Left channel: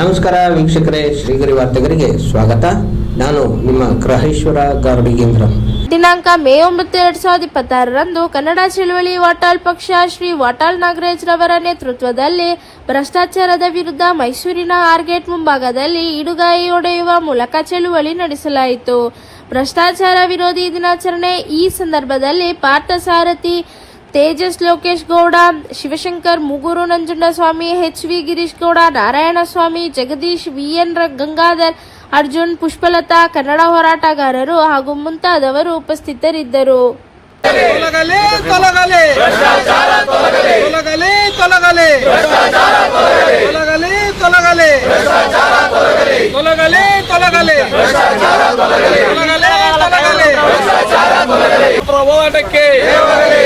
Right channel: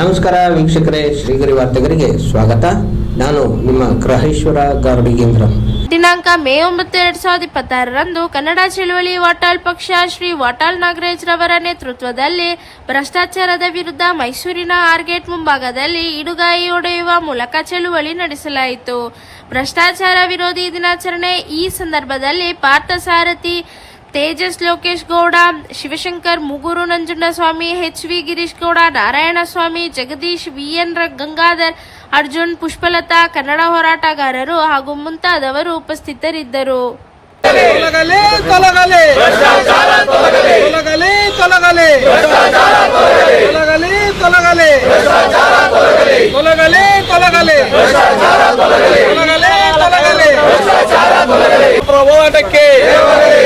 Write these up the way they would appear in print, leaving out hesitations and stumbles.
ನಮಸ್ಕಾರ ವೀಕ್ಷಕರೇ, ಶ್ರೀಗರಿ ವಾರ್ತೆಗರಿಗೆ ಸ್ವಾಗತ. ನಾನು ನಿಮ್ಮ ಗ್ರಹೇಶ್ವರ ಗಾರ್ಡಿಗೇಂದ್ರ. ದಿನಾಂಕ ಮೇ 9, 2026ರಂದು ಕನ್ನಡ ಚಳವಳಿ ವಾಟಾಳ್ ಪಕ್ಷ ಶ್ರೀ ವಾಟಾಳ್ ನಾಗರಾಜ್ ರವರ ನೇತೃತ್ವದಲ್ಲಿ ಭ್ರಷ್ಟಾಚಾರದ ವಿರುದ್ಧ ಮೈಸೂರಿನ ಆರ್ಗೇಟ್ ಮುಂಭಾಗದಲ್ಲಿ ಇಡುಗಾಯಿ ಹೊಡೆಯುವ ಮೂಲಕ ಚಳವಳಿ ನಡೆಸಲಾಯಿತು. ಭ್ರಷ್ಟಾಚಾರ ವಿರೋಧಿ ದಿನಾಚರಣೆ ಈ ಸಂದರ್ಭದಲ್ಲಿ ಪಾರ್ಥಸಾರಥಿ, ತೇಜಸ್ ಲೋಕೇಶ್ ಗೌಡ, ಶಿವಶಂಕರ್, ಮುಗೂರು ನಂಜುಂಡಸ್ವಾಮಿ, HV ಗಿರೀಶ್ ಗೌಡ, ನಾರಾಯಣಸ್ವಾಮಿ, ಜಗದೀಶ್, VN ಗಂಗಾಧರ್, ಅರ್ಜುನ್, ಪುಷ್ಪಲತಾ, ಕನ್ನಡ ಹೋರಾಟಗಾರರು ಹಾಗೂ ಮುಂತಾದವರು ಉಪಸ್ಥಿತರಿದ್ದರು. ತೊಲಗಲಿ ತೊಲಗಲಿ ಭ್ರಷ್ಟಾಚಾರ ತೊಲಗಲಿ ತೊಲಗಲಿ ತೊಲಗಲಿ ಭ್ರಷ್ಟಾಚಾರ ತೊಲಗಲಿ ತೊಲಗಲಿ ಭ್ರಷ್ಟಾಚಾರ ತೊಲಗಲಿ ತೊಲಗಲಿ ತೊಲಗಲಿ ಭ್ರಷ್ಟಾಚಾರ ತೊಲಗಲಿ ತೊಲಗಲಿ ತೊಲಗಲಿ ಭ್ರಷ್ಟಾಚಾರ ತೊಲಗಲಿ ಹೋರಾಟಕ್ಕೆ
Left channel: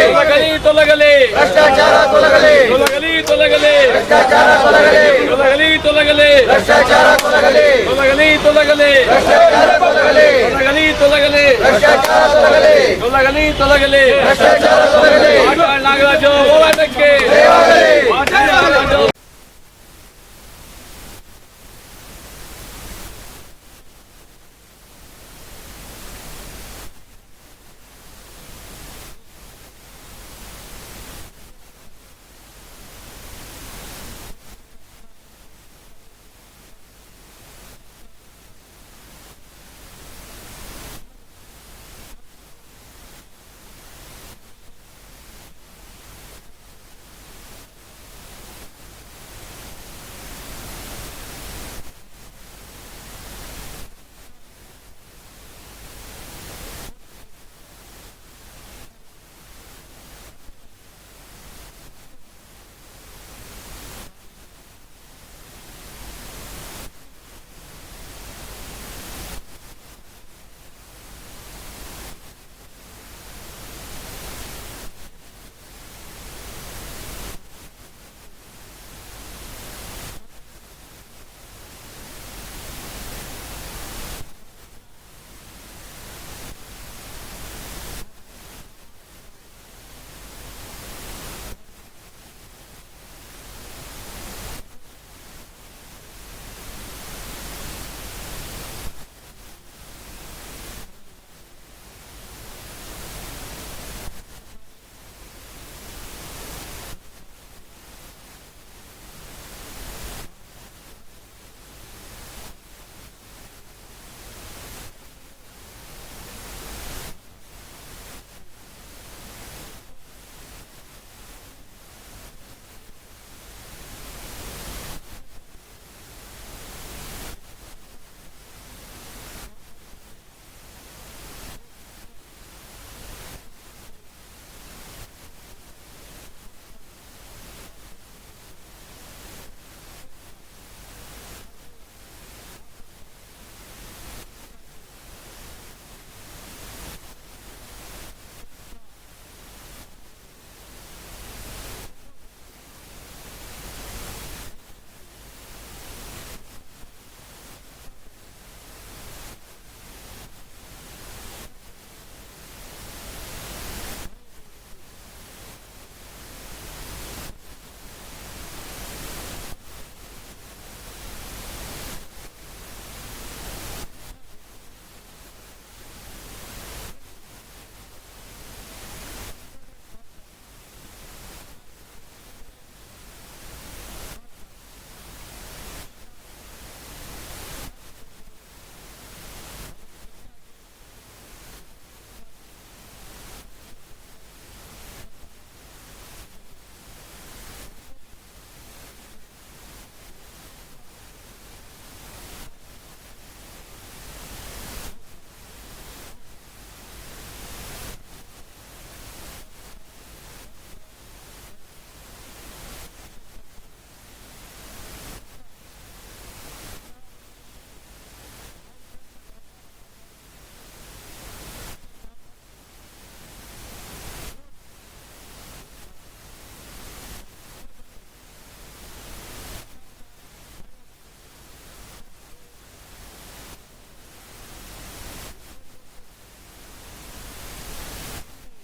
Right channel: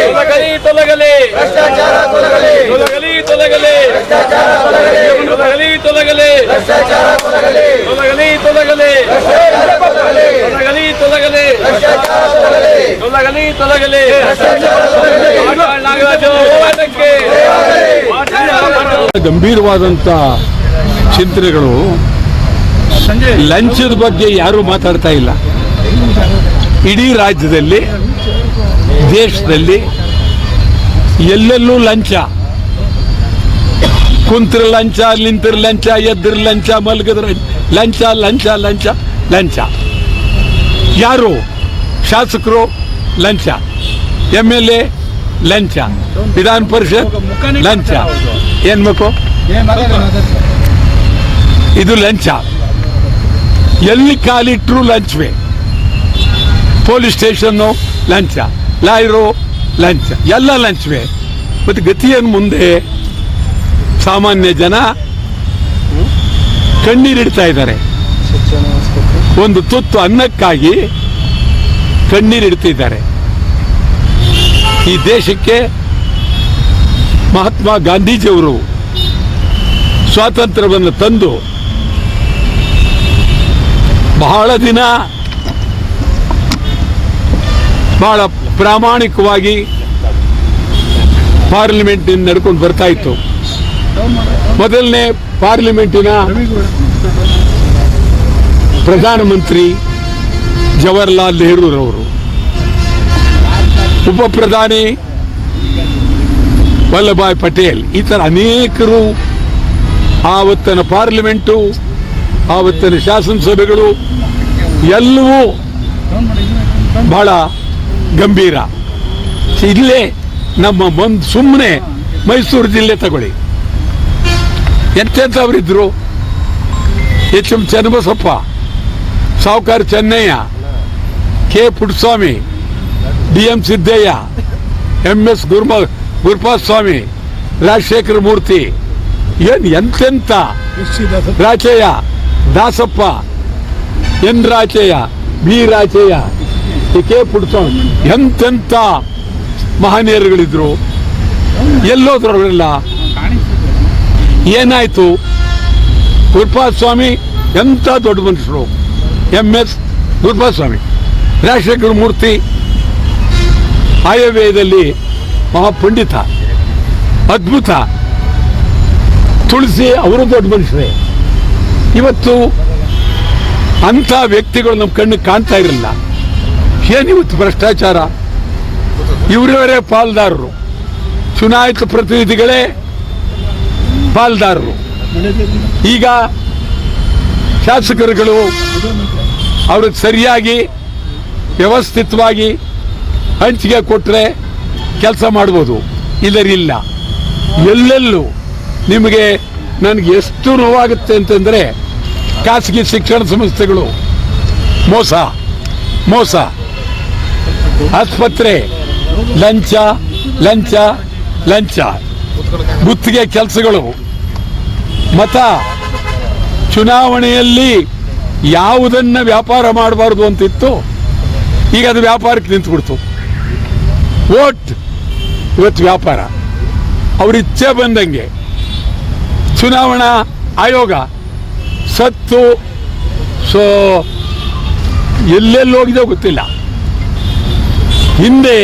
ತೊಲಗಲಿ ತೊಲಗಲಿ ಭ್ರಷ್ಟಾಚಾರ ತೊಲಗಲಿ ತೊಲಗಲಿ ತೊಲಗಲಿ ಭ್ರಷ್ಟಾಚಾರ ತೊಲಗಲಿ ತೊಲಗಲಿ ತೊಲಗಲಿ ಭ್ರಷ್ಟಾಚಾರ ತೊಲಗಲಿ ತೊಲಗಲಿ ತೊಲಗಲಿ ಭ್ರಷ್ಟಾಚಾರ ತೊಲಗಲಿ ತೊಲಗಲಿ ತೊಲಗಲಿ ಭ್ರಷ್ಟಾಚಾರ ತೊಲಗಲಿ ತೊಲಗಲಿ ತೊಲಗಲಿ ಗಂಭೀರವಾದಂತ ಚಿಂತನೆಗಳು. ಲಂಚದ ಬಗ್ಗೆ ಯಾರು ಮಾತಾಡ್ತಾ ಇಲ್ಲ. ಇಡೀ ರಾಜ್ಯದಲ್ಲಿ, ದೇಶದಲ್ಲಿ ಎಲ್ಲೆಲ್ಲೂ ಲಂಚ. ಕುಂತ್ರ ಲಂಚ, ನಿಂತರ ಲಂಚ, ಎದ್ರ ಲಂಚ, ಮಲಗದ್ರ ಲಂಚ, ಲಂಚ ಲಂಚ ಲಂಚ. ಯಾರು ಶಾಸಕರು ಲಂಚ, MLA ಲಂಚ, ವಿಧಾನ ಪರಿಷತ್ ಲಂಚ. ಏನ್ ಬೇಕು ಇದು ಲಂಚ. ಎಲ್ಲಿ ಕಾಲಿಟ್ರು ಲಂಚವೇ. ಪೊಲೀಸ್ ಸ್ಟೇಷನ್ನು ಲಂಚ, ಲಾಯರು ಲಂಚ, ಎಲ್ಲ ಲಂಚವೇ. ಮತ್ತೆ ಗತಿಯನ್ನು ಮುಂದೆ ಸಾಮಾನ್ಯ ಜನ ಕಣ್ಣೀರಿಡ್ತಾ ಇದ್ದಾರೆ. ಒಂದು ತುತ್ತು ಅನ್ನಕ್ಕಾಗಿ ಕಣ್ಣೀರಿಡ್ತಿದ್ದಾರೆ. ಈ ದೇಶಕ್ಕೆ ಮಹಾತ್ಮ ಗಾಂಧೀಜಿಯವರು ಸ್ವಾತಂತ್ರ್ಯವನ್ನು ತಂದು ಬಹಳ ದಿನ ಬಹಳ ಪ್ರಾಮಾಣಿಕವಾಗಿ ಪಾರ್ಲಿಮೆಂಟ್ ನಡ್ಕೊಂಡು ಬರ್ತಾ ಇತ್ತು. ಮೊದಲನೇ ಪಾರ್ಲಿಮೆಂಟಿನ ಪ್ರಧಾನಮಂತ್ರಿ ಜವಾಹರ್ಲಾಲ್ ನೆಹರೂರವರು, ಉಪ ಪ್ರಧಾನಿ ವಲ್ಲಭಾಯ್ ಪಟೇಲ್, ಈ ಥರ ಅನೇಕರು ಆವತ್ತಿನ ಪಾರ್ಲಿಮೆಂಟು, ಆವತ್ತಿನ ಶಾಸನಸಭೆಗಳು ಎಲ್ಲವೂ ಬಹಳ ಗಂಭೀರ. ಇಲ್ಲೇ ನಮ್ಮ ಸುಮ್ಮನೆ ಮೈಸೂರು ಜಿಲ್ಲೆ ತಗೊಳ್ಳಿ, ಎಂತೆಂಥವರಿದ್ರು. HM ಚನ್ನಬಸಪ್ಪ, ಸಾವುಕಾರ Chennaiah, K Puttaswamy, DM Siddaiah, MS ಗುರುಪಾದ ಸ್ವಾಮಿ, ರಾಜಶೇಖರ ಮೂರ್ತಿ, ಎಂತೆಂತ Rachaiah, Dasappa, N Rachaiah, B Rachaiah, K Puttaswamy, ಎಂತೆಂತ ಮಹನೀಯರುಗಳಿದ್ರು. ಎಲ್ಲೋದ್ರವರೆಲ್ಲ ಏನಾಯ್ತು? ಗುರುಪಾದ ಸ್ವಾಮಿ ಎಂತ ದೊಡ್ಡ ಮನುಷ್ಯರು, MS ಗುರುಪಾದ ಸ್ವಾಮಿ, ರಾಜಶೇಖರ ಮೂರ್ತಿ ಆಯವ್ಯಯದಲ್ಲಿ ಮಹಾಪಂಡಿತ, ಅದ್ಭುತ. ತುಳಸಿ ಅವರು ದೊಡ್ಡ ಮನುಷ್ಯರೇ. ಇವತ್ತು ಅಂಥ ವ್ಯಕ್ತಿಗಳು ನಮ್ಮ ಕಣ್ಣಿಗೆ ಕಾಣ್ತಾ ಇರಲಿಲ್ಲ. ಏನಿವತ್ತು ಭ್ರಷ್ಟಾಚಾರ. ಇವರವರೇ ಪಾಲ್ದಾರರು, ಚುನಾಯಿತ ಪ್ರತಿನಿಧಿಗಳೇ ಪಾಲ್ದಾರರು. ಈಗ ಶಾಸಕರುಗಳು ಅವ್ರಿಗೆ ಸರಿಯಾಗಿ ವ್ಯವಸ್ಥಿತವಾಗಿ ಹಂಚಿಕೆ ಕೊಟ್ಟರೆ ಕೆಲಸ ಮಾಡ್ಬೋದು, ಇಲ್ಲರಿಲ್ಲ. ಎಲ್ಲೆಲ್ಲೂ ನಿಮಗೆ ನನಗೆ ಎಷ್ಟು ನೋವಾಗುತ್ತೆ ಅಂತಂದರೆ, ಖಾಸಗಿ ಶಿಕ್ಷಣ ಸಂಸ್ಥೆಗಳು ಮೋಸ ಮೋಸ, ಆಸ್ಪತ್ರೆ ಲಂಚ ಲಂಚ ಲಂಚ, ಗುತ್ತಿಗೆ ಕೆಲಸಗಳು, ಮತ ಚುನಾವಣೆಯಲ್ಲಿ ಯಾವುದನ್ನ ವ್ಯಾಪಾರ ಮಾಡಬಾರ್ದು ಅಂತಿತ್ತು, ಈಗ ಅದು ವ್ಯಾಪಾರಕ್ಕೆ ನಿಂತುಬಿಡ್ತು. ವೋಟ್ ಇವತ್ತು ವ್ಯಾಪಾರ. ಅವ್ರ ಇಚ್ಛೆ ಬಂದಂಗೆ ಚುನಾವಣಾ ಆಯೋಗ ಸತ್ತು ಎಲ್ಲೆಲ್ಲಿ ಹೋಗಿದೆ ಗೊತ್ತಿಲ್ಲ. ಹಿಂದೆ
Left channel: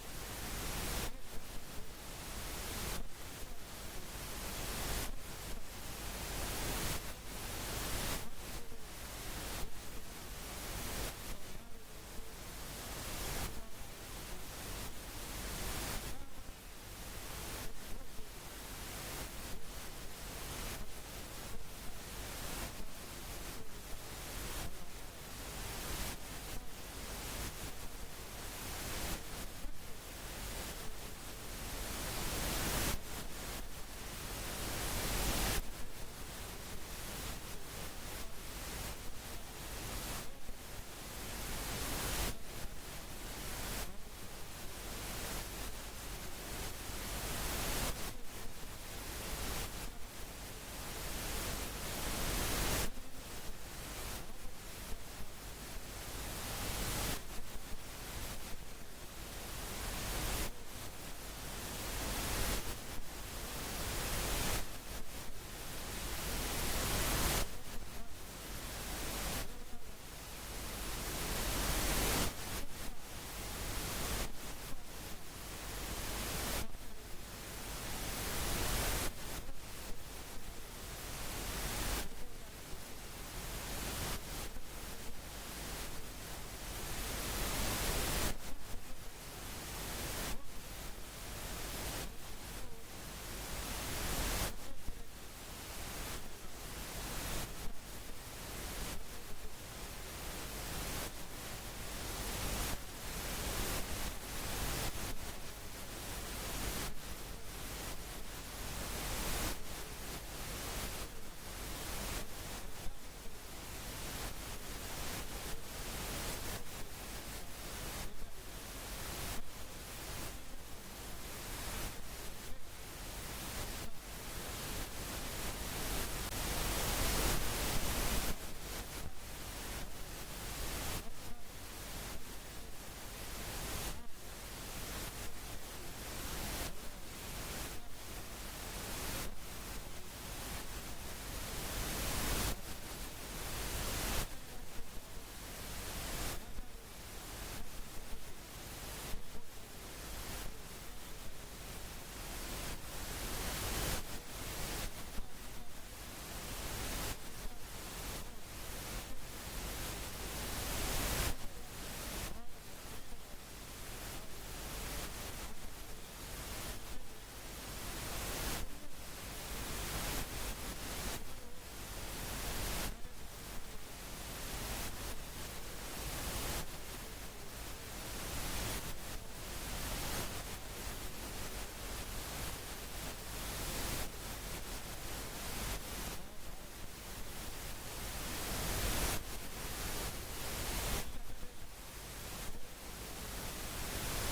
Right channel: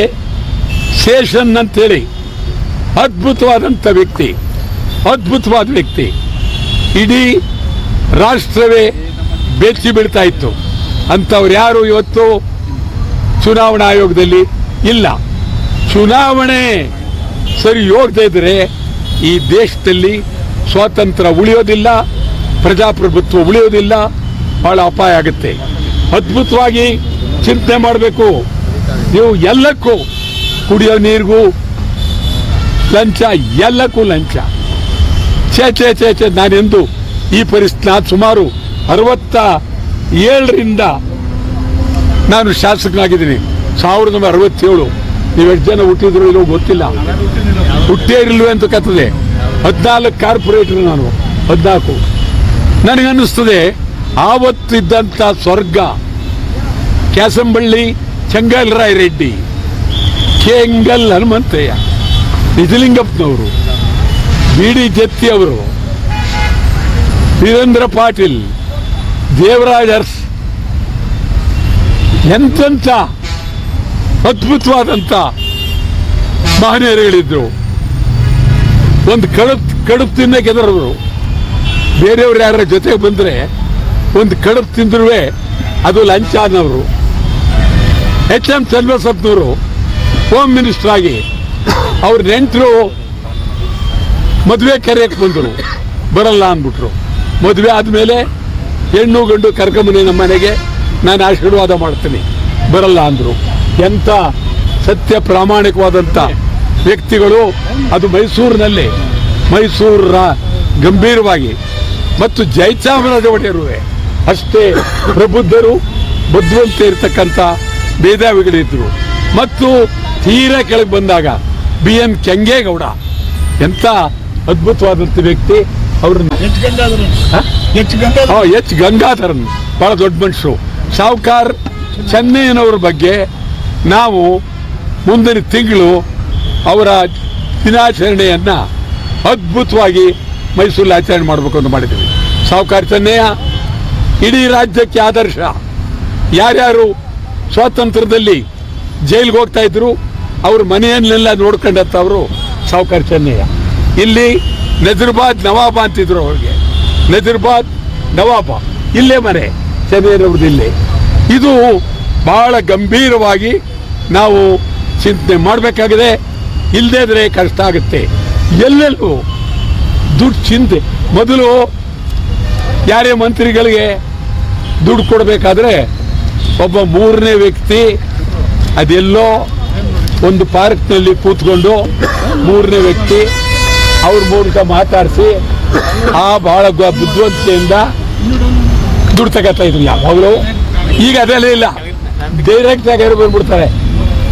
ಶೇಷನ್ ಅಂತೇಳಿ ಅದ್ಭುತವಾದಂಥ ವ್ಯಕ್ತಿ, ಅದ್ಭುತವಾದ ವ್ಯಕ್ತಿ, ಇಡೀ ರಾಷ್ಟ್ರವೇ ಬೆಚ್ಚಿ ಬೀಳ್ತಾ ಇತ್ತು. ಅಂಥವ್ರು ಯಾರು ಇವತ್ತು ಚುನಾವಣಾ ಆಯೋಗದಲ್ಲಿ ಇಲ್ಲ. ಚುನಾವಣೆ ಸರಿ ಹೋಗದೇ ಇದ್ರೆ ಈ ದೇಶದಲ್ಲಿ ಸ್ವಾತಂತ್ರ್ಯ ಉಳಿಯೋದಿಲ್ಲ, ಪ್ರಜಾಪ್ರಭುತ್ವ ಉಳಿಯೋದಿಲ್ಲ, ಬಹಳ ಅಪಾಯ ಆಗುತ್ತೆ. ಅದ್ಭುತವಾಗಿ ಚಿಂತನೆ ಮಾಡಬೇಕು. ನೀವು ಎಲ್ಲಕ್ಕೂ, ಕುಡಿಯೋ ನೀರಿಗೂ ಲಂಚ, ಎಲ್ಲಕ್ಕೂ ಲಂಚ. ಚೇ ನಾನೆಂದು ಈ ಪರಿಸ್ಥಿತಿ, ನಾನು ಸುಮಾರು 67ರಿಂದ ನಾನು ಶಾಸಕನಾಗಿದ್ದೀನಿ. 1967. ನೀವು ಎಷ್ಟು ಜನ ಹುಟ್ಟಿದ್ರು ಇಲ್ಲೋ ಗೊತ್ತಿಲ್ಲ, ಹುಟ್ಟೇ ಇರಲ್ವೇ ಅಂತ ಕತ್ತದೆ. 14 ಕಾರ್ಪೊರೇಟರ್ ನಾನು, 14. ನನಗನ್ನಿಸ್ತದೆ ಆವತ್ತಿದ್ದಂಥ ಸ್ವರ್ಗ ಕ್ಯಾಸಂಬಳ್ಳಿ ಚೆಂಗಲ್ರಾಯ ರೆಡ್ಡಿ, ಕೆಂಗಲ್ ಹನುಮಂತಯ್ಯ, ನಿಜಲಿಂಗಪ್ಪನವರು, ಬಿ.ಡಿ. ಜತ್ತಿ ಅವರು, ವೀರೇಂದ್ರ ಪಾಟೀಲ್, ದೇವರಾಜ್ ಅರಸ್, ಎಂತೆಂಥ ಅದ್ಭುತವಾದಂಥ ಮಹನೀಯರುಗಳಿದ್ರು. ಒಂದು ಕಡುಬು ತಿನ್ನಕ್ಕೆ ಎದುರವರು. ಬೇರೆಯವ್ರು ಯಾರ ಜೊತೆಗೆ ಬಂದರೆ ಒಂದು ಕಡುಬು ತಿಂದ್ರೂ ಅದು ಲಂಚ ಅನ್ನೋರು. ಎಚ್.ಎಂ. ಚನ್ನಬಸಪ್ಪನವರು ಹೋಮ್ ಮಿನಿಸ್ಟರ್ ಆಗಿ ಅವ್ರ ನೆಂಟರು ಮದುವೆ ಕರೆಯಕ್ಕೆ ಬಂದರು, ಬರಲ್ಲ ಅಂದ್ಬಿಟ್ರು. ಮದುವೆ ಆದಮೇಲೆ ಹೆಣ್ಣು ಗಂಡು ಕರ್ಕೊಂಬನಿ ನಮ್ಮ ಮನೆಗೆ, ನಾನು ಆಶೀರ್ವಾದ ಮಾಡ್ತೀನಿ, ಬರಲ್ಲ ಅಂದರು. ಎಂಥ ಸತ್ಯ ಪ್ರಾಮಾಣಿಕವಾದಂಥ ವ್ಯಕ್ತಿಗಳು. ಅದು ಮೈಸೂರಿನಲ್ಲಿ, ಮೈಸೂರ ಗಂಭೀರವಾಗಿ, ಮತ್ತು ಜಯಚಾಮರಾಜ ಒಡೆಯರು ಅಷ್ಟೇ ಪ್ರಬುದ್ಧರು, ಬುದ್ಧಿವಂತ ಇರ್ತಕ್ಕಂಥ ಮೇಧಾವಿಗಳಿದ್ರು. ಮತ್ತು ತೀರಾ ಕೆಳಗೆ ಬಂದಾಗ B.N. ಕೆಂಗೇಗೌಡ, ಎಂಥ ಅದ್ಭುತವಾದಂಥ ವ್ಯಕ್ತಿ. ಅವ್ರನ್ನ ಎಚ್ ಗಂಗಾಧರನ್, ಬಹಳ ದೊಡ್ಡ ಮನುಷ್ಯರು. ಸಾವುಕಾರ್ ಚೆನ್ನಯ್ಯನವ್ರ ಬಗ್ಗೆ ನಾವು ಮುಂದಿನ ತಿಂಗಳು ಅವರ ದಿನಾಚರಣೆಯನ್ನು ಅದ್ಭುತವಾಗಿ ಮೈಸೂರಲ್ಲಿ ಆಚರಣೆ ಮಾಡಬೇಕು ಅಂತ ಮಾಡಿದ್ದೀವಿ. ಸಾವುಕಾರ್ ಚೆನ್ನಯ್ಯ ಇಡೀ ರಾಜ್ಯಕ್ಕೆ ಆದರ್ಶ. ಯಾರ್ಯಾರು ಸ್ವಾತಂತ್ರ್ಯದಲ್ಲಿ ಜೈಲಿಗೆ ಹೋಗ್ತಾ ಇದ್ರು ಅವ್ರ ಮನೆಯನ್ನೆಲ್ಲ ನೋಡ್ಕೊಂಡಂಥವರು ಸಾವುಕಾರ್ ಚೆನ್ನಯ್ಯ. ಇಲ್ಲಿ ನಜರ್ಬಾದ್ ನವಾಬ ಅಂತಿದ್ರು ಅವ್ರಿಗೆ, ನಜರ್ಬಾದ್ ನವಾಬ, ಇಲ್ಲೇ ಮನೆ ಚೆನ್ನಯ್ಯನವ್ರದ್ದು ಇಲ್ಲೇ. ಇದು ಬಹಳ ಗಂಭೀರವಾಗಿ ನಾವು ಚಿಂತನೆ ಮಾಡಬೇಕಾಗಿದೆ. ಇಲ್ಲದೇ ಇದ್ರೆ ಕಷ್ಟ ಆಗುತ್ತೆ. ಎಲ್ಲೆಲ್ಲೂ ದುಡ್ಡು ಚಿಂತೆ. ಮೊದಲು ಯಾರೇ ಮಂತ್ರಿಗಳಿಗೆ ದುಡ್ಡು ಕೊಡಬೇಕಾದ್ರೆ ಒಬ್ಬ 3ನೇ ವ್ಯಕ್ತಿ ಅದೆಲ್ಲೋ ಒಂದು ಪಾರ್ಕ್ನಲ್ಲಿ ಕೂತ್ಕೊಂಡು 3ನೇ ವ್ಯಕ್ತಿ ಅವ್ರ ಮೂಲಕ ಮಾತಾಡಿಸಿ ಬಹಳ ಬುದ್ಧಿವಂತಿಕೆಯಿಂದ ದುಡ್ಡು ತಗೋತಾ ಇದ್ರು ಯಾವಾಗಲೂ. ಈಗ ಅದೆಲ್ಲ ಇಲ್ಲ, ಡೈರೆಕ್ಟ್ ಆಗಿ ಯಾರು ಬಂದ್ಬಿಡ್ತಾರೆ.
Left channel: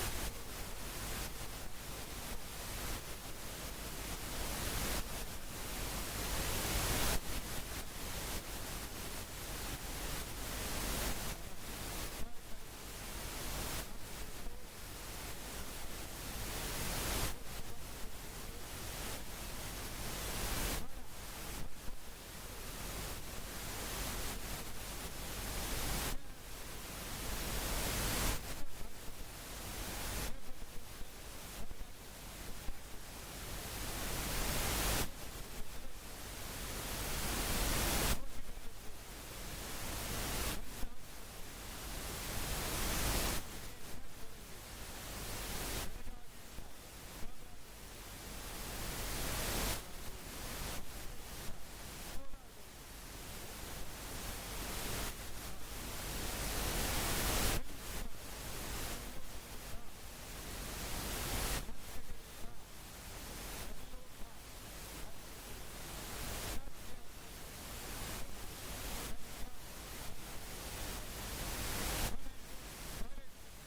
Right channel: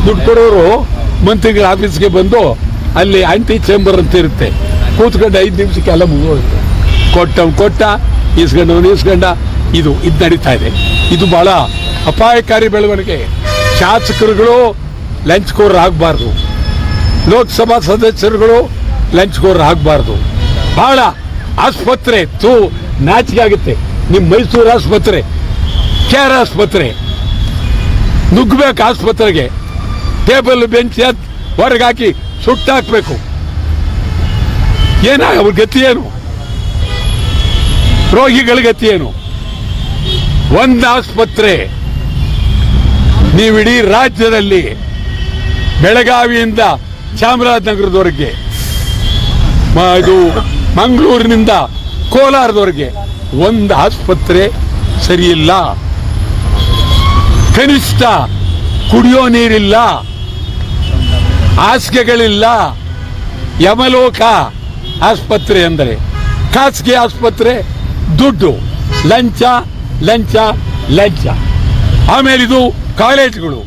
ದುಡ್ಡು ಕೊಡೋರು ಮಂತ್ರಿಗಳ ಆಫೀಸ್ಗೆ ಬಂದು ಅಲ್ಲಿ ಆಂಟಿ ಚೇಂಬರ್ ಅಂತ ಇರುತ್ತೆ, ಕೂತ್ಕೊಂಡು 5 ನಿಮಿಷಕ್ಕೆ ಎಲ್ಲ ಮುಗಿದೋಗುತ್ತೆ. ಕೊಟ್ಟ ಇಸ್ಕೊಂಡ ಇದು ನಡೀತಾ ಇದೆ. ಇದು ಬಹಳ ಅಪಾಯಕಾರಿ ಬೆಳವಣಿಗೆ. ಶಾಸಕರುಗಳು ಲಂಚ್ಕೋರ್ ಆಗಬಾರ್ದು, ಲೋಕಸಭಾ ಸದಸ್ಯರುಗಳು ಲಂಚ್ಕೋರ್ ಆಗಬಾರ್ದು. ಬಹಳ ಆಸ್ಪತ್ರೆ ನಾಚಿಕೆ ಆಗುತ್ತೆ. ನಿಮ್ಮ ಮೈಸೂರು ಆಸ್ಪತ್ರೆ, KR ಆಸ್ಪತ್ರೆ, ನುಗ್ಗಬೇಕು ಆಸ್ಪತ್ರೆಗೆ, ಟೇಬಲ್ ಬೆಂಚ್ ಹೊರಗೆ ಹಾಕಿ ಸುಟ್ಟಾಕ್ಬೇಕು. ಅವ್ರ ಗತಿ ಏನು? ರೋಗಿಗಳ ಗತಿ ಏನು? ಒಂದು ಆಸ್ಪತ್ರೆ ನೀವಿಡೀ ರಾಜ್ಯದಲ್ಲಿ ಬೆಳಗಾವಿಯಿಂದ ಚಾಮರಾಜನಗರದವರೆಗೆ, ಇದು ಮಂಗಳೂರಿನಿಂದ ಕೋಲಾರದವರೆಗೆ ಒಂದು ಆಸ್ಪತ್ರೆ ಸರಿಯಿಲ್ಲ. ಕನಿಷ್ಠ ಕುಡಿಯೋ ನೀರಿಲ್ಲ, ಹಾಸಿಗೆಗಳಿಲ್ಲ. ಯಮಲೋಕ ಆಸ್ಪತ್ರೆ ಅಂದರೆ ಖಾಸಗಿ ಆಸ್ಪತ್ರೆ. ದುಡ್ಡು, ಲಂಚ ಲಂಚ ಲಂಚ. ಆಮೇಲೆ ಇದು ಕಾಲೇಜುಗಳು,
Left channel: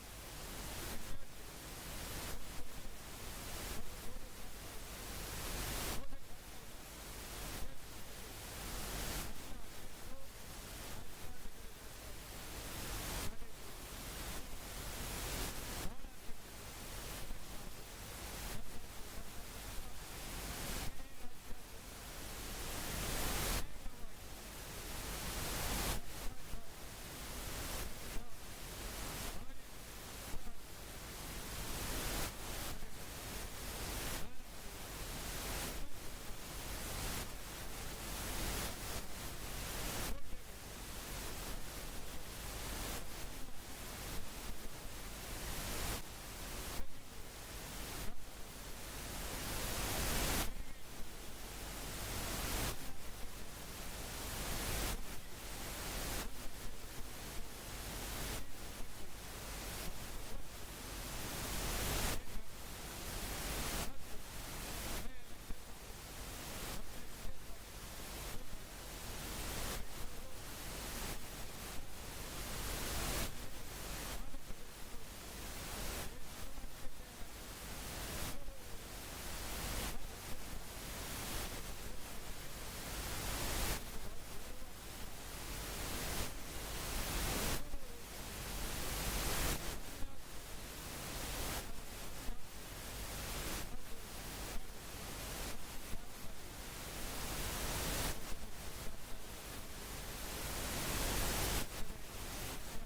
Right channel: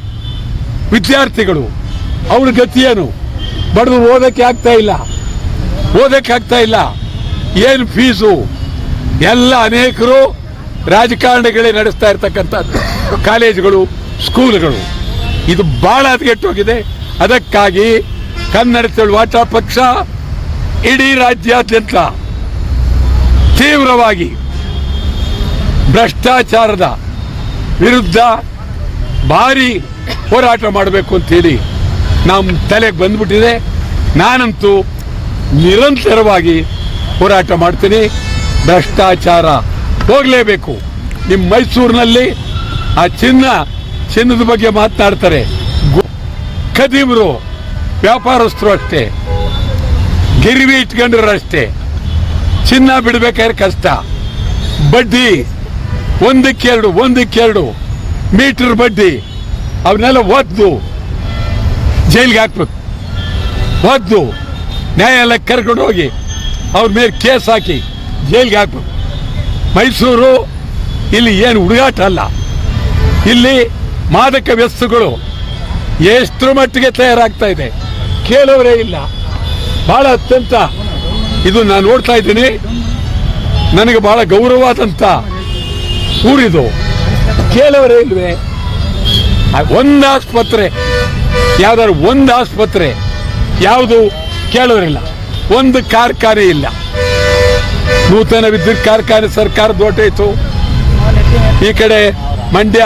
ವಿದ್ಯಾರ್ಥಿಗಳು, ಅವ್ರ ಗತಿ ಏನು? ಬಡವರು ಓದಕ್ಕೆ ಆಗ್ತಾ ಇಲ್ಲ. ಏನು ಫೀಸು? ಎಲ್ಲ ಅನೇಕರು ರಾಜಕಾರಣಿಗಳೇ ನಡೆಸ್ತಾ ಇರ್ತಕ್ಕಂಥದ್ದು ಕಾಲೇಜುಗಳು, ಸ್ಕೂಲ್ಗಳು. ಇದು ಬಹಳ ಹದಗೆಟ್ಟೋಗಿದೆ. ಅದಕ್ಕಾಗಿ ಕನ್ನಡ ಚಳವಳಿ ಪಕ್ಷ ಇಡೀ ರಾಜ್ಯಾದ್ಯಂತ ತೀವ್ರವಾಗಿ ಭ್ರಷ್ಟಾಚಾರದ ವಿರುದ್ಧ ಭಾರಿ ಹೋರಾಟ ಮಾಡಬೇಕು ಅಂತೇಳಿ ನಮ್ಮ ತಲೆಗೆ ಬಂದ್ಬಿಟ್ಟಿದೆ. ನಾನಂತೂ ನಿರಂತರವಾಗಿ ಹೋರಾಟ ಮಾಡ್ತೀನಿ. ಭ್ರಷ್ಟಾಚಾರ ಹೋಗಲೇಬೇಕು. ನಿಮ್ಮ ಮೈಸೂರಿನಲ್ಲಿ ಆ ಚಿನ್ನದ ಬಗ್ಗೆ ಮಾತನಾಡ್ತಾರೆ. ಖದೀಮರು ವ್ಯಾಪಾರಸ್ಥರು ಅಷ್ಟೇ, ಗಿರಿವಿ ಇಟ್ಕೊಂಡ್ರು ಅಷ್ಟೇ. ಚಿನ್ನ ಬಿಡಬೇಕಾದ್ರೆ ಕಷ್ಟ. ಬಡ್ಡಿ ಒಂದಕ್ಕೆರಡು ಮೀಟರ್ ಬಡ್ಡಿ, ಅವನ್ನೆಲ್ಲ ಒದ್ದು ಜೈಲಿಗೆ ಹಾಕ್ಬೇಕು. ಒದ್ದು ನ್ಯಾಯಾಲಯಕ್ಕೆ ಕರ್ಕೊಂಡು ಹೋಗಿ ಅವ್ರ ಮೇಲೆ ಕೇಸ್ ಹಾಕಿ ಜೈಲಿಗೆ ಹಾಕ್ಬೇಕು. ಮೈಸೂರು ಇಲ್ಲಿ ಏನು ಹುಡುಗಾಟ ಅಲ್ಲ. ಇಲ್ಲಿ ಮಾದಕ ವ್ಯಸನಗಳು ಎಷ್ಟರ ಮಟ್ಟಿಗೆ ತಯಾರಾಗ್ತಾ ಇದೆ ಕೇಳೋರೇ ಇಲ್ಲ. ಬಹಳ ಅತ್ಯಂತ ಇದು ನಾನು ನೋಡ್ತಾ ಇದ್ದೀನಿ. ನನಗೆ ಬಹಳ ಗೌರವವಾದಂಥ ಊರಿದು. ಕೇಳೋರೇ ಇಲ್ವೇ? ಒಂದು ಆಸ್ಪತ್ರೆ, ಯಾವ್ದಾದ್ರು ಒಂದು ಆಸ್ಪತ್ರೆ ಯಾವುದು ಕೇಳೋರಿಲ್ಲ. ಒಂದು ಕಾರ್ಖಾನೆ ಇಲ್ಲ. ನೂತನ ವಿದ್ಯುತ್ ಕಾರ್ಖಾನೆ ಸರ್ಕಾರದ ಹೊರಟೋಯ್ತು. ಈ ಕಡೆ ಮಂಡ್ಯ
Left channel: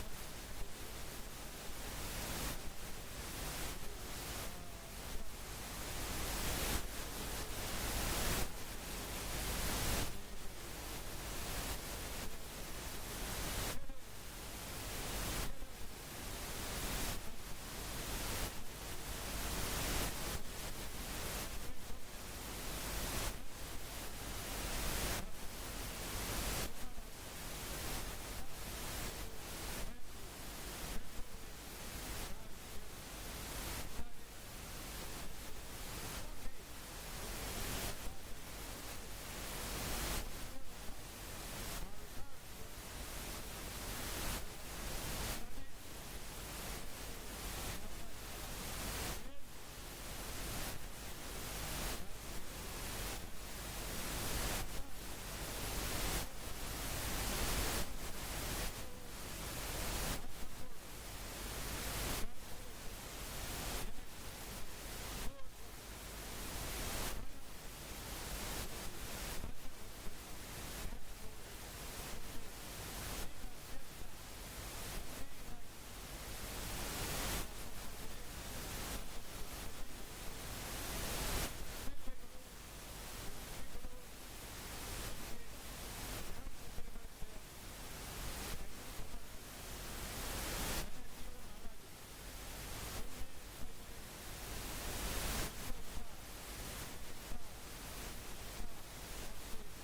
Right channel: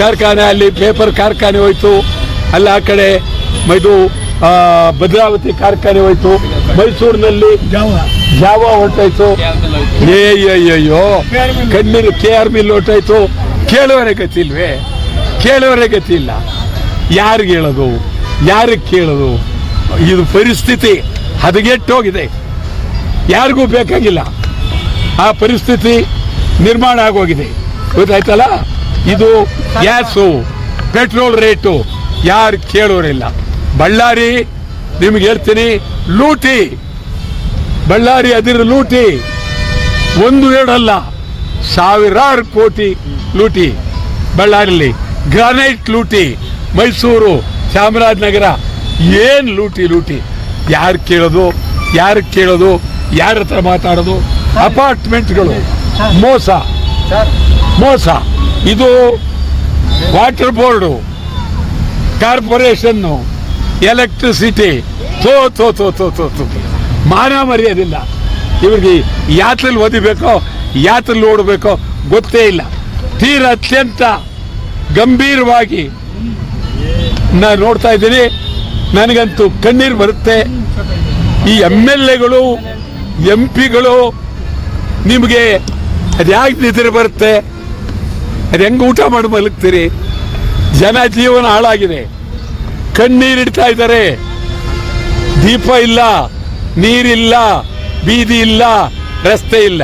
ಕಾರ್ಖಾನೆ, ಅಲ್ಲಿ ಪೇಪರ್ ಕಾರ್ಖಾನೆ ಹೋಯ್ತು. ಅಲ್ಲ ಆ ಕಡೆ ಇದು ಭದ್ರಾವತಿ ಕಾರ್ಖಾನೆ ಹೋಯ್ತು. ಮೈಸೂರಿನಲ್ಲಿ ಜಾವ ಹೊರಟಾಯ್ತು. ಅಯ್ಯೋ ಕಣ್ಣೀರು KR ಮಿಲ್ ಹೊರಟಾಯ್ತು. ಕೇಳೋರೇ ಗತಿಲ್ವೇ? ಕೇಳೋರೇ ಗತಿ ಇಲ್ಲ. ಯಾರಿಗೆ ಹೇಳೋದು, ಯಾರಿಗೆ ಕೇಳೋದು? ಇದು ಪರಿಸ್ಥಿತಿ ಹದಗೆಟ್ಟೋಗಿದೆ. ಯಾರಿಗೂ ಬೇಕಾಗಿಲ್ಲ. ಆ ಪರಿಸ್ಥಿತಿ ನಿರ್ಮಾಣ ಆಗೋಗಿದೆ. ಗೊತ್ತಾಯ್ತಲ್ಲ? ಇದು ಗ್ಯಾಸು, ಪೆಟ್ರೋಲ್ ರೇಟು ಯಾರು ಕೇಳೋರಿಲ್ಲ. ಬಳ್ಳಾರಿ ನಿಮ್ಗೆ ಹೇಳ್ತೀನಿ, ಲೂಟಿ. ಬಳ್ಳಾರಿ ಅದಿರು ಲೂಟಿ. 1-2 ಅಲ್ಲ, ಸಾವಿರಾರು ಕೋಟಿ ಲೂಟಿ ಬಳ್ಳಾರಿಲಿ. ಗ್ರಾನೈಟ್ ಲೂಟಿ. ಮೈಸೂರು, ಚಾಮರಾಜನಗರ ಏನು ಲೂಟಿ. ಯಾರು ಕೇಳೋದು? ಯಾರ ಹತ್ರ ಮಾತಾಡೋದು? ಅಪಾರ್ಟ್ಮೆಂಟ್ಗಳು ಮೋಸ. ಇದು ವಾಟರ್ ಬೋರ್ಡು, ಕಾರ್ಪೊರೇಷನ್ನು, ಎಲೆಕ್ಟ್ರಿಸಿಟಿ ತೋ ಮಾನ ಮರ್ಯಾದಿಲ್ಲ ಇವ್ರಿಗೆ. ಯಾತ್ರೆಯಲ್ಲಿ ಓದಿಬೇಕೋ ಯಾತ್ರೆಯಲ್ಲಿ ಓಡಬೇಕೋ ಗೊತ್ತೇ ಇಲ್ಲ. ತೀರ ಅತ್ಯಂತ ಗಂಭೀರವಾಗಿ ನಾನು ನೋಡ್ತಾ ಇದ್ದೀನಿ. ನನಗಂತೂ ಕಣ್ಣೀರು ಬರುತ್ತೆ. ಈ MLAಗಳು MP ಗಳು ನಿಮಗೆ ಅದ್ಯಾಕೆ ನಿದ್ರೆ ಬರುತ್ತೆ? ಅದು ಹೆಂಗೆ ಊಟ ಮಾಡಿ ಮಲಗ್ತೀರಿ? ಜನ ಜೀವನ ಹಾಳಾಗಿದೆ. ಕಣ್ಣೀರಿಡ್ತಾ ಇದ್ದಾರೆ. ದೀಪ ಇಲ್ಲ, ನೀರಿಲ್ಲ, ಬೀದಿ ಇಲ್ಲ, ರಸ್ತೆ ಇಲ್ಲ.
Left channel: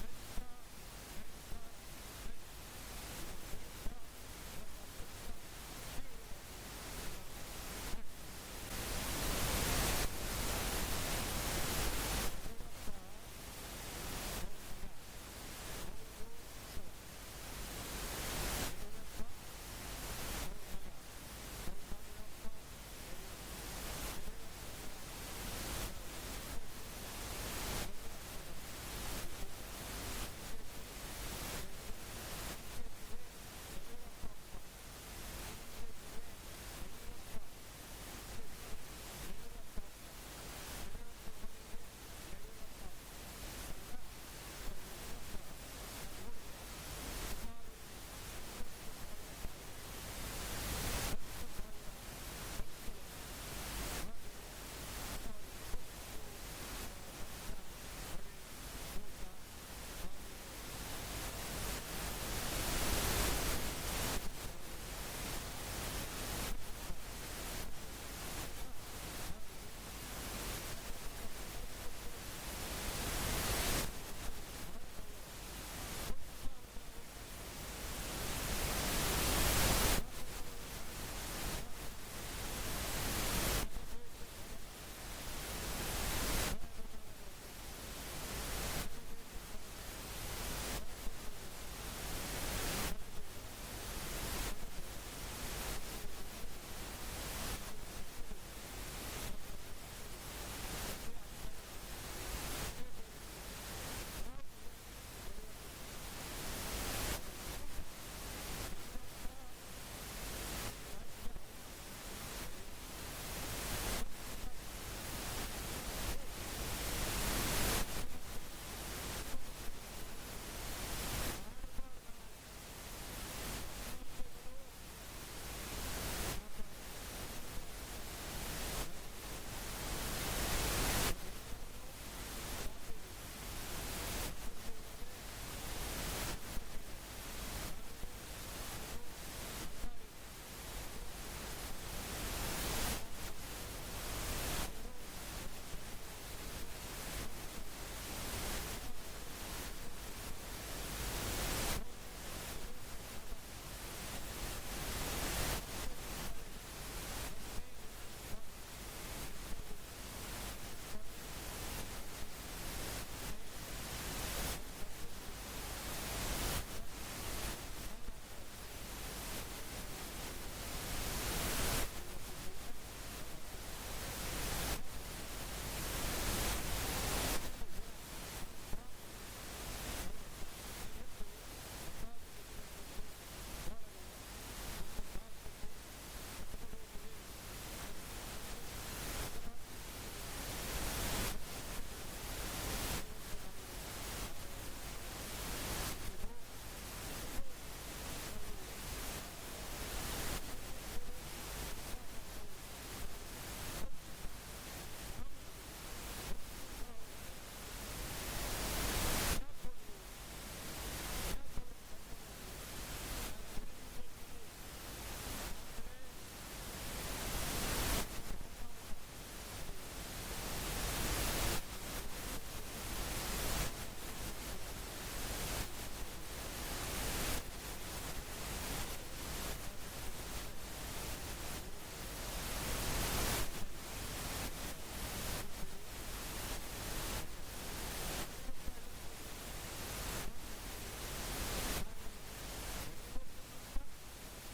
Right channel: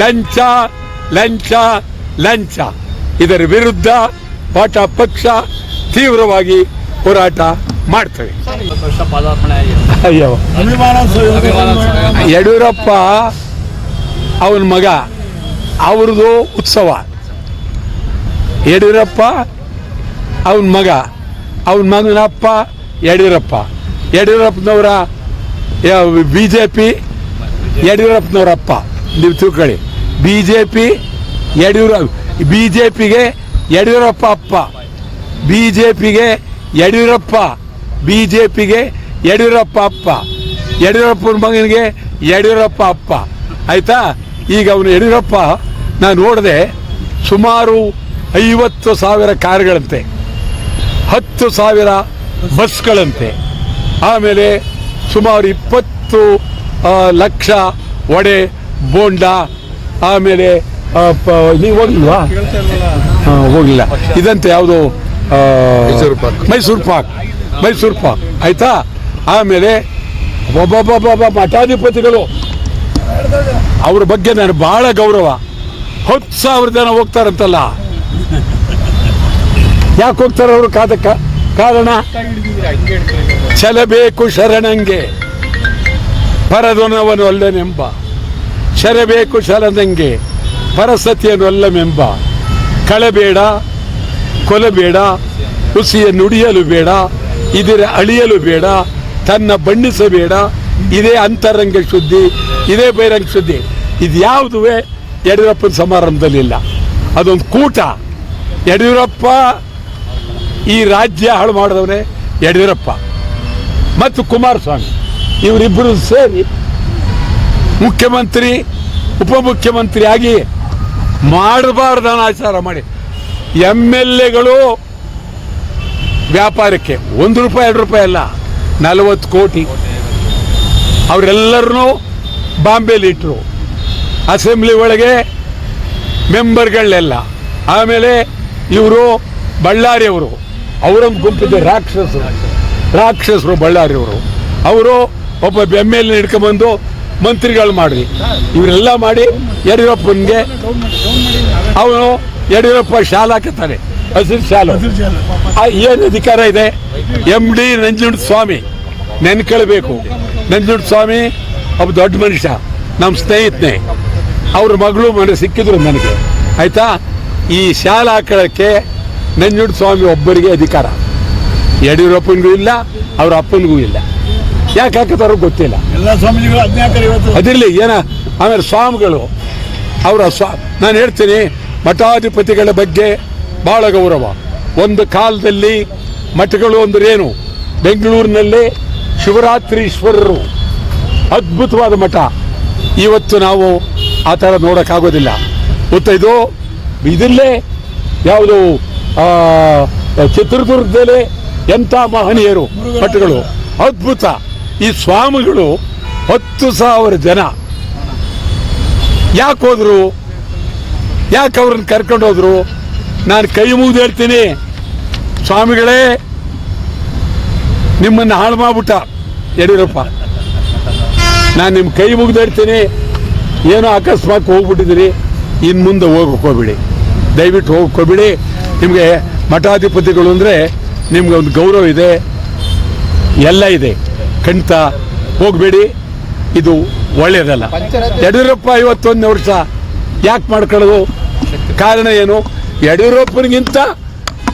ಲಂಚ. ಇದರ ವಿರುದ್ಧ ಪಕ್ಷ ತೀವ್ರವಾಗಿ ಹೋರಾಟ ಮಾಡ್ತೇವೆ. ಅಯ್ಯೋ, ಯಡಿಯೂರಪ್ಪ ಅವನ ಮಗ, ಅವ್ರದ್ದು ಉತ್ಸವ. ಯಡಿಯೂರಪ್ಪ ಅವನ ಮಗನಪ್ಪ ಯಡಿಯೂರಪ್ಪನವರ BJP ಯಡಿಯೂರಪ್ಪನವರಪ್ಪ. ನೀವು ತಿಳ್ಕೊಳ್ಳಿ. BJPಗೆ ಯಡಿಯೂರಪ್ಪ ಅಪ್ಪ, BJPಗೆ ಯಡಿಯೂರಪ್ಪ ಅಪ್ಪ, ಯಡಿಯೂರಪ್ಪನ ಮಗನಿಗೆ ಯಡಿಯೂರಪ್ಪ ಅಪ್ಪ. ಆಯ್ತಾ? ಈಗ ಅವನು ಯಡಿಯೂರಪ್ಪ ನಾನು ನೋಡಿದೆ, ಸುಮಾರು 50,000 ಕಾರುಗಳಂತೆ, 10,000 ಬಸ್ಗಳಂತೆ, ಆಮೇಲೆ ಸುಮಾರು 20 ಲಕ್ಷ ವಡೆ ಬೋಂಡ, ಆಮೇಲೆ ನೀವು ಹೋಗ್ಲಿಲ್ವಾ? ಹೋಗಿಲ್ಲ. ಇದಂತೆ ಯಾವುದು ಮೈಸೂರು ಪಾಕ್. ಆಯ್ತಾ? ಆಮೇಲೆ ಒಬ್ಬೊಬ್ಬ ಮಠಾಧಿಪತಿಗಳು, ಅವ್ರ ಬಗ್ಗೆ ನಾನು ಬಹಳ ಗೌರವ. 10,000 ಜನ ಹೋಗ್ತಾರಂತಲ್ಲ. ಯಾಕೆ ಹೋಗ್ತಾರೆ ಅವರು? ಕಾರಣ ಛಲಬೇಕು ಶರಣಂಗೆ ಪರದೊನವನು ಅಲ್ಲನೆಂಬ, ಶರಬೇಕು ಶರಣಂಗೆ ಪರಸತಿಯನ್ನು ಅಲ್ಲಮೆಂಬ. ಕಳಬೇಡ, ಕೊಲಬೇಡ, ಹುಸಿಯ ನುಡಿಯಲು ಬೇಡ, ಇದರ ಅಳಿಯಲು ಬೇಡ, ತನ್ನ ಬಣ್ಣಿಸಬೇಡ. ಇದೇ ಅಂತರಂಗ ಶುದ್ಧಿ, ಇದೇ ಬಹಿರಂಗ ಶುದ್ಧಿ. ಇದು ಯಾವುದುವೇ ಯಡಿಯೂರಪ್ಪನ ಸಮಾರಂಭದಲ್ಲಿಲ್ಲ. ಅದೊಂದು ಕೂಟ. ಯಡಿಯೂರಪ್ಪ ಈ ರಾಜ್ಯ ಹಾಳು ಮಾಡಿದವನೇ ಯಡಿಯೂರಪ್ಪ ಮತ್ತು ಕುಮಾರಸ್ವಾಮಿ. ಇವರಿಬ್ಬರು ಸೇರಿ ಮುಖ್ಯಮಂತ್ರಿ ಉಪಮುಖ್ಯಮಂತ್ರಿ ಆಗಿ ಮಾಡಬಾರ್ದು ಆಚಾರ ಮಾಡಿ MLAಗಳು ವ್ಯಾಪಾರಕ್ಕೆ ₹1 ಅಲ್ಲ, 40 ಕೋಟಿ ಅವರೆಲ್ಲರನ್ನೂ ಬಾಂಬೆಲಿ ಇಟ್ಟರು. ಅಸೆಂಬ್ಲಿ ಒಳಗೆ ಮೆಂಬರ್ಗಳನ್ನೆಲ್ಲ. ಆಮೇಲೆ ಇವರು ಬಳ್ಳಾರಿಯವರು, ಅವರೊಂದು ಗುಂಪಿದೆ ರಾಕ್ಷಸರು ಬಳ್ಳಾರಿಯವರು. ಅವರು ಒಬ್ಬ MLA ಹಿಡ್ಕೊಂಬಂದು ಮಂತ್ರಿಗಳು ಮಾಡಿ ಇವರೆಲ್ಲ ಮಾಡಿ ಯಡಿಯೂರಪ್ಪನಿಗೆ ಅವನು ಯಡಿಯೂರಪ್ಪ ಶಾಲೆ ಹಾಕುತ್ತಾನೆ, ಹಸಿರು ಶಾಲು. ಏನು ಅಧಿಕಾರ ಇದೆ? MD ನಂಜುಂಡ ಸ್ವಾಮಿ ನೆನ್ಕೊಳ್ಬೇಕು. ನಂಜುಂಡ ಸ್ವಾಮಿ ಒಬ್ಬ ದೊಡ್ಡ ಮನುಷ್ಯ, ನಮ್ಮ ಸ್ನೇಹಿತನೇ. ಅವ್ರ ಮಗಳು ಮನೆ ಸಿಕ್ಕಿದ್ರು ನನಗೆ, ಆಯ್ತಾ. ಈ ಶಾಲೆ ಹಾಕೊಳ್ಳೋಕ್ಕೆ ನಂಜುಂಡ ಸ್ವಾಮಿ ಒಬ್ಬರಿಗೆ ಅಧಿಕಾರ, ಯಡಿಯೂರಪ್ಪನಿಗೂ ಇಲ್ಲ, ಅವ್ರ ಅಪ್ಪನಿಗೂ ಇಲ್ಲ. ಯಾಕೆ ಹಾಕುತ್ತಾರೋ ಗೊತ್ತಿಲ್ಲ. ಎಲ್ಲ ಸ್ವಾಮೀಜಿಗಳು ಅದಿರಲಿ ಏನ. ಆಮೇಲೆ ಸ್ವಾಮಿಗಳು ಅವರ ನಾನು ಹೇಳ್ತೀನಿ, ಮಠಾಧಿಪತಿಗಳ ಬಗ್ಗೆ ಭಾಳ ಗೌರವ. ಒಂದು ಕಾಲದಲ್ಲಿ ಮಠಗಳು ಅಂದ್ರೇನು, ಬೆಂಗಳೂರಿನಲ್ಲಿ ಶಿವರಾತ್ರೀಶ್ವರರು ಅದ್ಭುತವಾದ ಮಠ. ಇವತ್ತು ನಾವು ಆ ಥರ ನೋಡೋಕ್ಕಾಗೋದಿಲ್ಲ. ಗೊತ್ತಾಯ್ತು. ಇದಲ್ಲೇ ಯಾವುದು ಚಿತ್ರದುರ್ಗದಲ್ಲಿ ಎಂಥ ಮಹನೀಯರು ಮಠಗಳು, ಅದ್ಭುತ. ಈ ಸ್ವಾಮಿಗಳು 10,000 ಜನ ಯಾಕೆ ಹೋದ್ರು? ಯಾಕೆ ಅವ್ರನ್ನ ಕರ್ಕೊಂಡು ಹೋದ್ರು? ನಾನು ಕೈ ಮುಗಿದು ಹೇಳ್ತೀನಿ, ಸ್ವಾಮಿಗಳೇ ನಿಮ್ಮನ್ನು ಹಾಳು ಮಾಡ್ಬಿಟ್ಟ ಯಡಿಯೂರಪ್ಪ. ನಾನು ನಿಮ್ಮ ಕೈ ಮುಗಿದು ಹೇಳ್ತೀನಿ, ಏನೋ ಅಕಸ್ಮಾತ್ ಹೋಗ್ಬಿಟ್ಟಿದ್ದೀರಿ, ಇನ್ನು ಮುಂದೆ ಹೋಗಕ್ಕೆ ಹೋಗ್ಬಿಡಿ, ದಯವಿಟ್ಟು ಹೋಗಕ್ಕೆ ಹೋಗ್ಬಿಡಿ. ನಿಮಗೆ ಮಠಾಧಿಪತಿಗಳು ಅಂದರೆ ನಿಮ್ಗೆ ಒಂದು ಗೌರವ ಇದೆ, ಎಲ್ಲ ಇದೆ, ಖಂಡಿತ ಹೋಗಬೇಡಿ. ಇದು ಒಳ್ಳೆಯದಲ್ಲ. ಯಡಿಯೂರಪ್ಪ 51 ವರ್ಷ ಯಾಕೆ ಮಾಡ್ಕೊಳ್ಳೋದು? ಕಾರಣ ಏನು? ಯಡಿಯೂರಪ್ಪನಿಗಿಂತ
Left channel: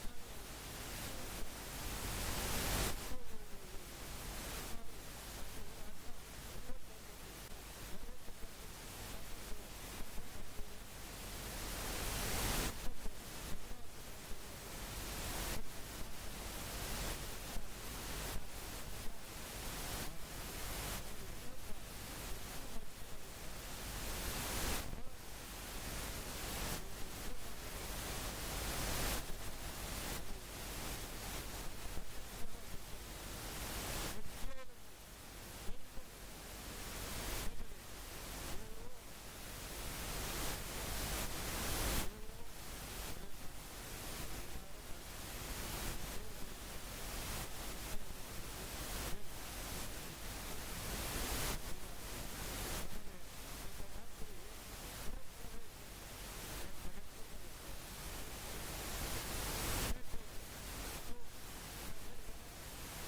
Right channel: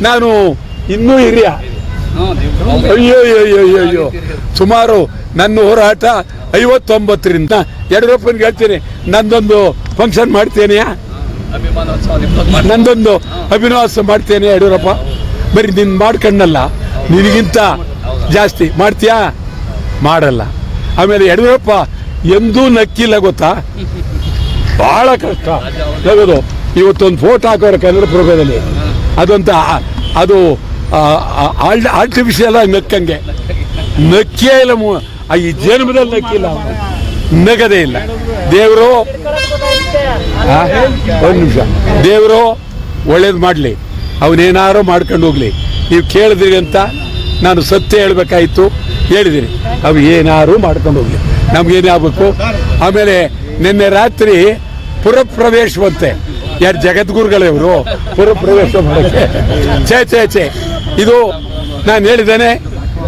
ನಾನು ಇನ್ನೂ ಹಿರಿಯ. ಅಯ್ಯೋ ಅಯ್ಯೋ ಅಯ್ಯೋ, ಸುಮಾರು ನನ್ನ ಹೋರಾಟ 59ರಿಂದ. ಯಡಿಯೂರಪ್ಪನಿಗೆ ಹೇಳ್ತೀನಿ, ನಂದೊಂದು ಫಂಕ್ಷನ್ ಮಾಡ್ತೇನೆಯಾ, ನಂದೊಂದು ಅಭಿನವಾಸ ಮಾಡ್ತೇನೆ ಯಡಿಯೂರಪ್ಪ. ಬರೀ ನಿನ್ನ ಮಾಡ್ಕೊಂಡಲ್ಲ, ನಿನಗಿಂತ ಜಾಸ್ತಿ ಮಾಡ್ತೀಯಾ? ಮಾಡಲ್ಲ. ಆಮೇಲೆ ಯಡಿಯೂರಪ್ಪ ಎಂದೂ ನಕ್ಕಿಲ್ಲ, ಗೊತ್ತಾ? ಬಹಳ ಕಷ್ಟ ನಗೋದು. ಇವತ್ತೊಂದು ಫೋಟೋ ಹಾಕೋರು ಕನ್ನಡಪ್ರಭದಲ್ಲಿ, ಅದಂತ ಅದು ಆರ್ಟಿಫಿಷಿಯಲ್ ಆಗಿ ನಕ್ಕಂಗೆ. ನಕ್ಕೇ ಇಲ್ಲ, ಈ ಜನ್ಮದಲ್ಲಿ ನಕ್ಕಿಲ್ಲ, ನಗದೇ ಇಲ್ಲ. ದೇವರು ಒಂದು ನಿಮಿಷ, ದೇವರು ಒಳ್ಳೇದು ಮಾಡಲಿ, ಅವನೇನಾರು ಮಾಡ್ಕೊಂಡು ಹೋಗ್ಲಿ. ನೀವು ಕೇಳಿದ್ರಿ ಅಂತ ನಾನು ಸತ್ಯ ಹೇಳ್ಬೇಕಾಯ್ತು, ಹೇಳಿದಿರಿ. ಅವು ಏನಾರು ಮಾಡ್ಕೊಂಡು ಹೋಗ್ಲಿ, ನಮ್ಗೇನೇ ಆಗ್ಬೇಕು. ಆಮೇಲೆ ನಿನ್ನೆ ರಾತ್ರಿ ಪುರಪ್ರವೇಶವಂತೆ, ಯಾರು ಜಗದ್ಗುರುಗಳವರು ಪುರಪ್ರವೇಶ ಮಾಡೋಕ್ಕೆ. ಛೇ ಇದು ನಾನು ಹೇಳಿದ್ದೇನೆ,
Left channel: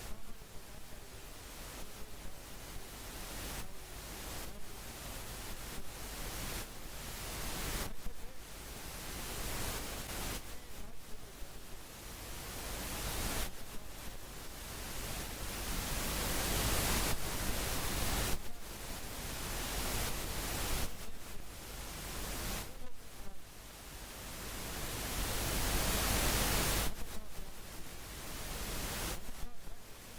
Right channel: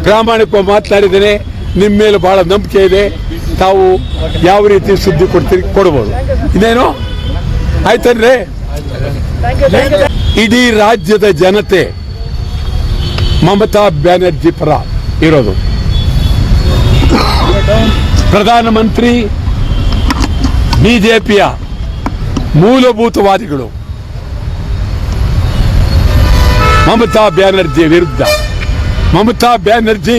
ಪ್ರಾಮಾಣಿಕವಾಗಿ ಮಾತನಾಡಿದ್ದೇನೆ. ನಿಮ್ಮ ಮೇಲೆ ಭಾಳ ನಂಬಿಕೆ ಇದೆ, ತಾವು ಯಾವ ರೀತಿ ಸುದ್ದಿ ಕೊಡ್ಬೋದು. ಇನ್ನೇನು ಆಯ್ತಂದ್ರೆ, ಇಡೀ ರಾಜ್ಯದ ಜನತೆ ಮಮತಾ ಬ್ಯಾನರ್ಜಿ ಪರ ಇರೋದು. ಪ್ರಧಾನಮಂತ್ರಿ ಬಿಜೆಪಿಯ ಮೂಲಭೂತವಾದಿಗಳು ಮಮತಾ ಬ್ಯಾನರ್ಜಿ ವಿರುದ್ಧ. ಮಮತಾ ಬ್ಯಾನರ್ಜಿ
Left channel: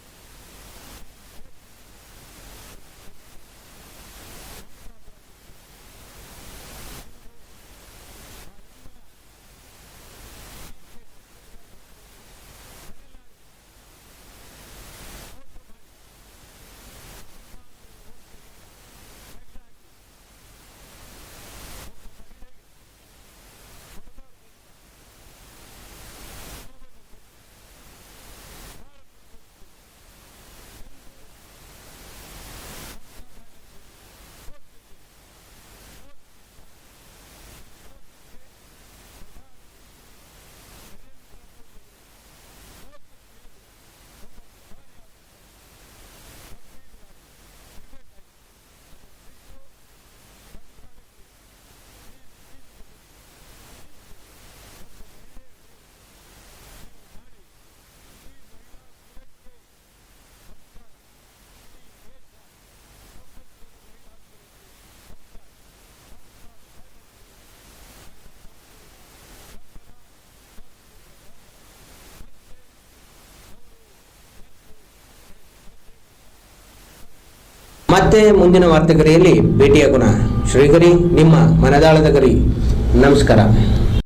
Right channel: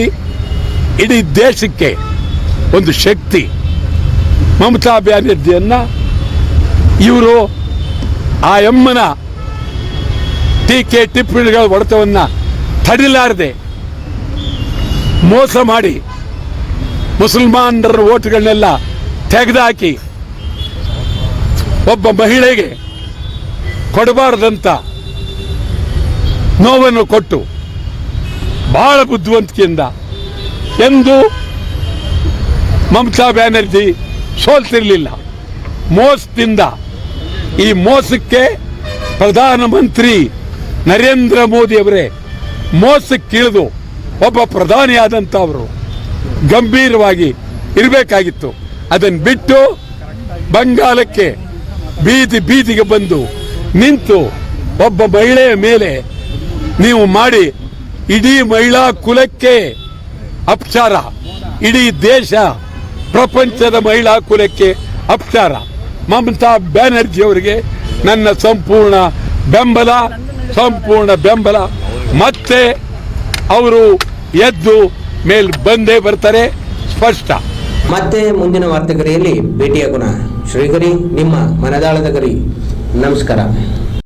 ಇಡೀ ದೇಶಕ್ಕೆ ಒಂದು ಶಕ್ತಿ. ಮಮತಾ ಬ್ಯಾನರ್ಜಿಯನ್ನ ಇವರು ಆ ಅಮ್ಮನ ಟೀಕೆ ಟಿಪ್ಪಣಿಗಳ ಹೊಡೆತವನ್ನು ತಡಿಲಾರದೆ ಮೋಸ ಮಾಡಿ ಮುಸಲ್ಮಾನರ ಓಟ್ಗಳನ್ನೆಲ್ಲ ತೆಗೆದುಹಾಕಿ ಒಬ್ಬ ಮಹಿಳೆಗೆ ಕೊಡಬಾರದಂತ ನೋವನ್ನು ಕೊಟ್ಟು ಬಹಳ ಬುದ್ಧಿವಂತಿಕೆಯಿಂದ ಎಂದು ಮಮತಾ ಬ್ಯಾನರ್ಜಿ ಸೋಲ್ತಿರಲಿಲ್ಲ. ಮೋಸದಿಂದ, ಈ ಮೋಸಕ್ಕೆ ಪ್ರಧಾನಮಂತ್ರಿ ನರೇಂದ್ರ ಮೋದಿ ಅವರೇ ಮೋಸಕ್ಕಿಳಿದು ಒಬ್ಬ ಪ್ರಧಾನಿಯಾದಂಥವರು ಗಂಭೀರವಾಗಿ ಇರಬೇಕಾಗಿತ್ತು. ಅದನ್ನು ಬಿಟ್ಟು ಬಂಗಾಲಕ್ಕೆ ಬೀದಿಗೆ ಬಂದು ನಿಂತು ಒಬ್ಬ ಮಹಿಳೆಯ ಮೇಲೆ ನೀವು ಮಾಡಿ ಇಡೀ ಮಹಿಳಾ ಕುಲಕ್ಕೆ ಅಪಚಾರ, ಇಡೀ ದೇಶ ಪ್ರಪಂಚದ ಮಹಿಳಾ ಕುಲಕ್ಕೆ ಅಪಚಾರ. ಮಮತಾ ಬ್ಯಾನರ್ಜಿ ಅವರಿಗೆ ನನ್ನ ಸಂಪೂರ್ಣ ಬೆಂಬಲ. ಮತ್ತೆ ಅವರು ಎದ್ದು ಮೇಲ್ ಬಂದೇ ಬರ್ತಾರೆ, ಸ್ಪಷ್ಟ. ಮತ್ತೆ ಮುಂದಿನ ವಾರ್ತೆಗರಿಯಲ್ಲಿ ಭೇಟಿಯಾಗೋಣ. ಶ್ರೀಗರಿ, ನಿಮ್ಮ ಮನದಾಳದ ಗರಿ. ನಮಸ್ಕಾರ.